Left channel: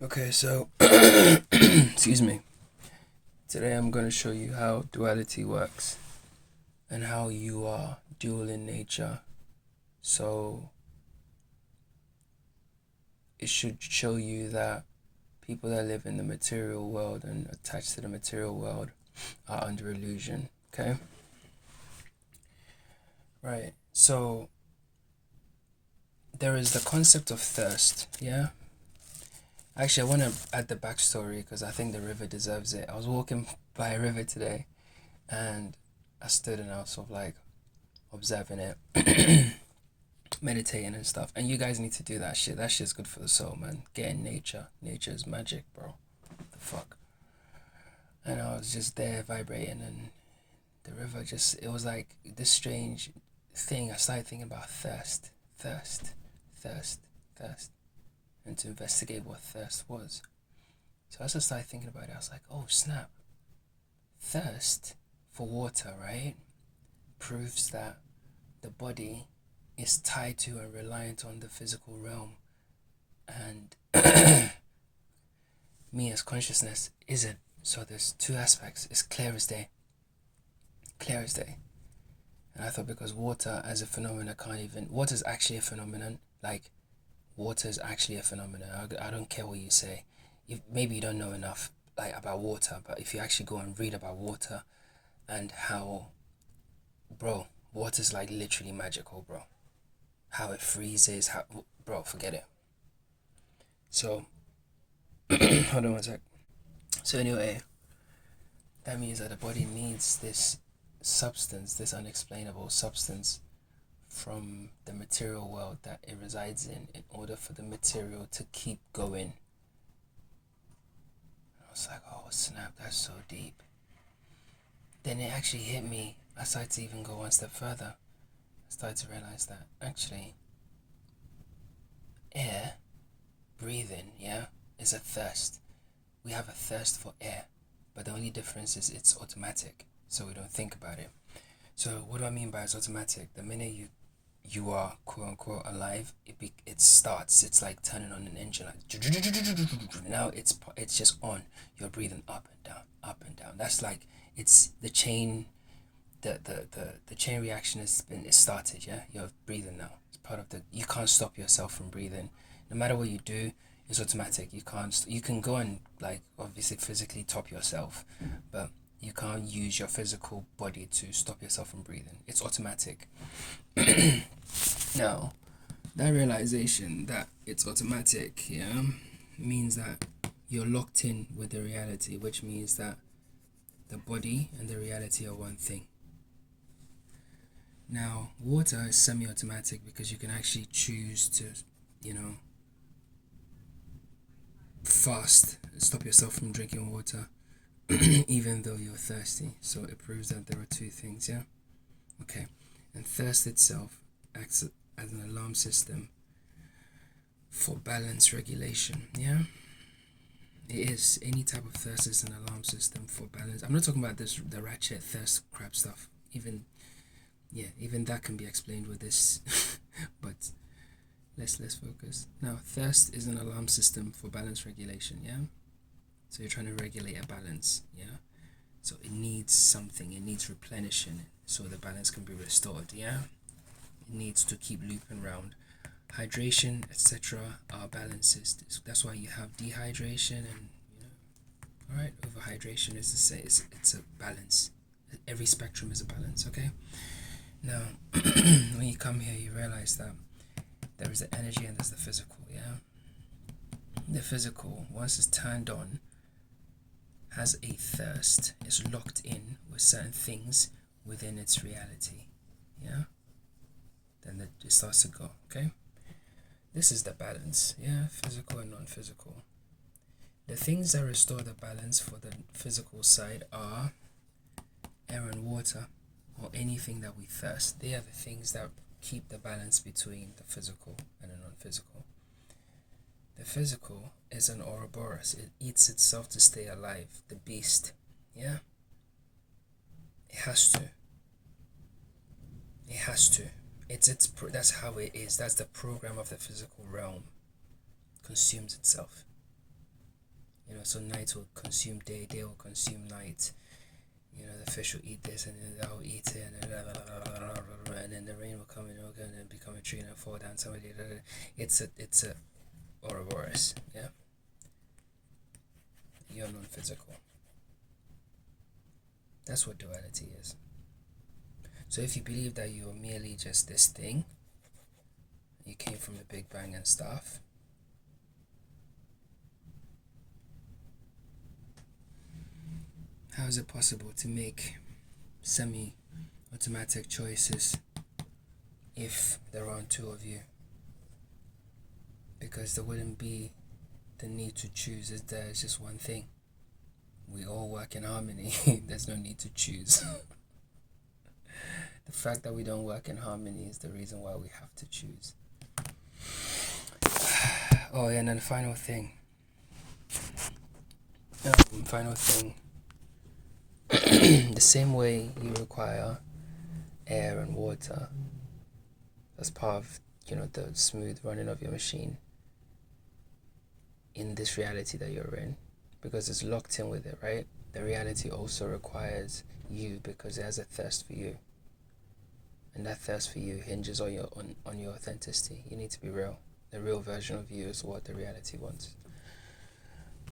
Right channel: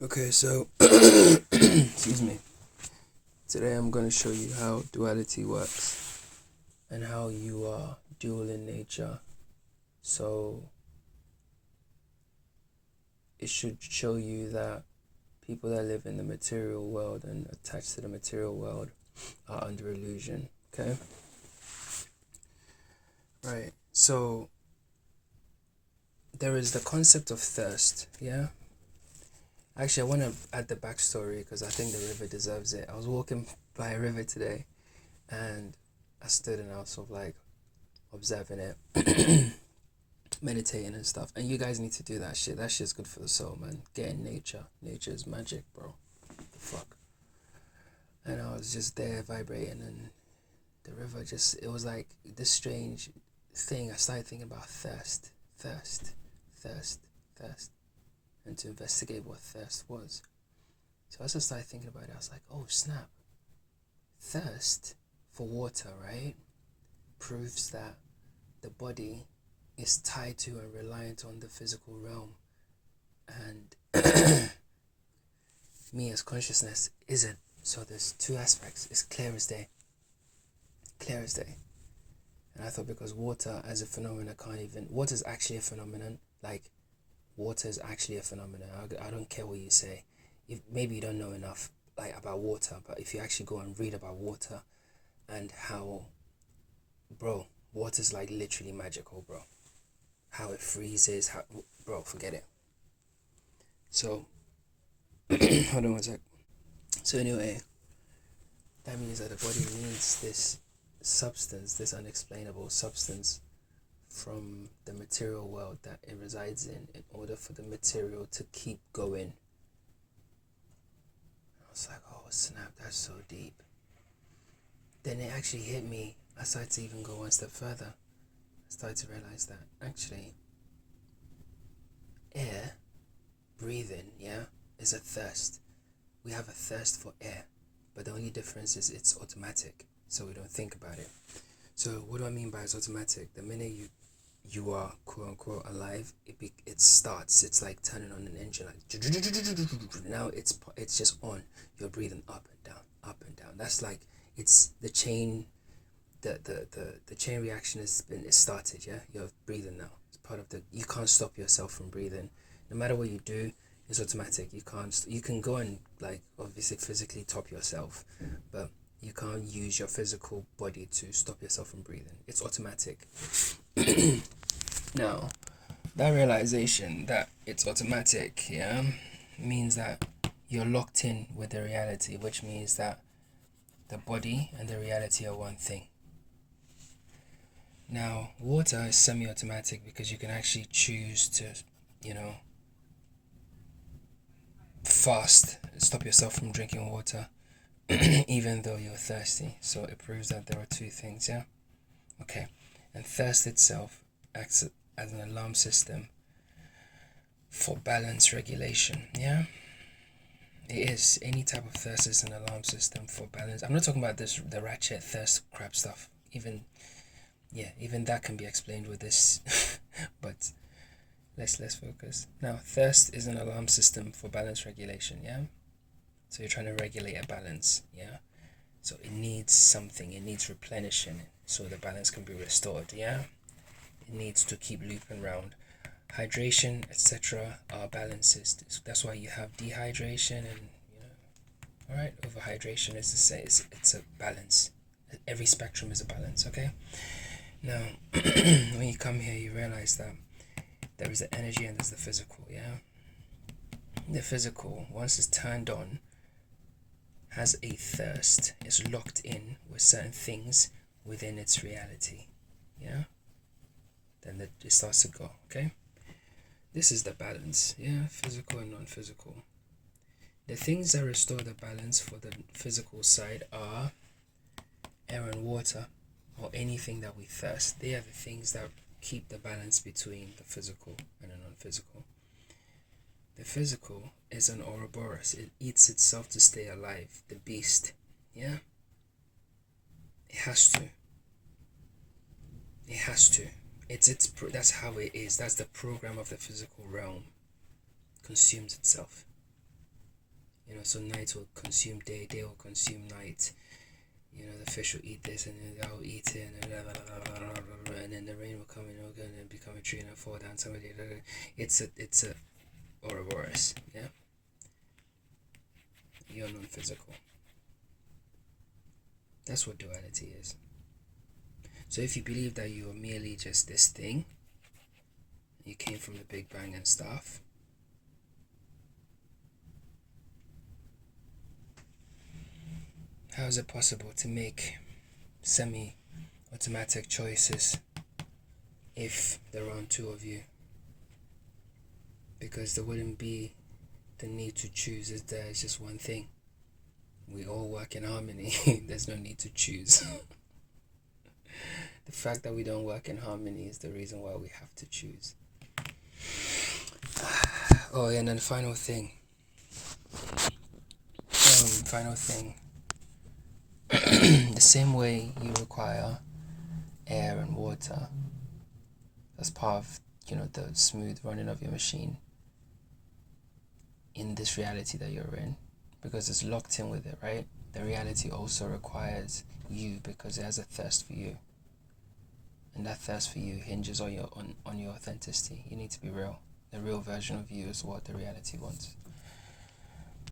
Okay, so excuse me. Today I'm going to show you how duality works and how you are dual in nature. So it should show you that people that live in the material world and attached to the material world are under illusion. Okay? Right. So there is the concept of thirst. Yeah? Actually, I want to add the backstory because I think the river deserves it. I was walking by a river today and I stood and I was sort of like observing it, meditating and stuff. And you guys need to do that shit. That shit's good for the soul, man. Get in nature. Nature is magic, bro. The fuck. And I was just there vibrating, and the river just, it was like this strange thing. I started thinking about thirst, thirst, thirst, thirst, and to investigate what thirst was. So as I started thinking about it, I was like, oh snap. Thirst for water, right, proves that the body is tied to and reliant on the physical realm, and me as consciousness isn't. So there's two aspects. It's clear as day. Clear as day. And I thought because water as a phenomenon can't even. Water is actually a phenomenon. Like, water is actually a phenomenon. I don't care what you say. Maybe you don't know enough like about water, but if you actually go and read about water and how, bro, water's like literally magical, bro. How it freezes, bro, forget it. So, hold on one sec. So anyway, that means that the body needs this substance, this unexplainable substance from the material world that it resides in order for the material to keep going. I was like, oh snap, that's so deep. Then it actually hit me. I started to even go one step further. I started to realize that actually air, breathing, yeah, is a thirst. We have a thirst for air, but the only difference is it's automatic, so we don't think about it. So what do I mean by it's automatic? The minute you are quote unquote alive, it starts. It's like turning on an engine. Like now it's just on. You're breathing up and down, up and down. That's like it's the chain. The chain reaction is started. Yeah, you're breathing now. It's part of the. You can't stop yourself from breathing. No matter what you do, it's automatic. You can't. You can go and like obviously physically top yourself, but you can't use your physical body to stop yourself from breathing. It's automatic. Now, that realization that it's automatic, yeah, means that you're locked in with the reality, which means that the body and the reality are one thing. Now, water is semi-automatic because you can actually choose to, you know, fast, stop yourself from drinking water, even though you're thirsty. So it proves that there are two things, yeah? Okay. And thirst itself acts as an alarm system for balance regulation, yeah? It is. Any type of thirst is an alarm system for balance. I'm not talking about the ratchet thirst crap stuff. Even that can be explained with this. But let's focus. Now, thirst is an alarm system for balance regulation, yeah? So you're trying to regulate a balance, yeah? So it needs something, it needs replenishing so the balance can be restored, yeah? It needs to keep looping around. Hydration, etc. are balances. That's why you have dehydration and alright, overhydration is the same. It's a balance. Every spectrum is a balance, okay? Now when you come here you realize that there is the energy and there's the physical, yeah? The physical, once it's turned on, has a thirst, it's locked in with certain things within its reality, yeah? Then it starts to go, okay? This is the balance, yeah? Physical and non-physical. The things that restore the balance for the physical side are air and water, or anything that we thirst. They are the things that keep the balance between the physical and the non-physical. The physical is an Ouroboros. It eats itself to stay alive. The beast, yeah? It has to. It has to. That's how it is. That's the program of the physical realm. Consumes itself. So night will consume day, day will consume night. You know, the fish will eat this, and then that will eat it, and then the rain will come in, and then become a tree and fall down. Somebody, it's a Ouroboros, yeah. You're non-physical. That's what duality is. So if you believe that you are merely just this thing, you came from the Big Bang and stuff, how is it possible to make semi-automatic choices if there aren't two of you? Because there wouldn't be the need to choose. There's just one thing. We all work in harmony. There's no need to choose. The fact that we don't work in harmony is the reason why we have to choose. Oh, and then the final thing. The same way you require air and water as part of, the smooth running of your machine in this reality that you're in, because it's locked in with it, right? The reality also requires you because it has a thirst for you. And that thirst for you hinges on your authenticity. You need to be real. The real version of you is what the reality wants.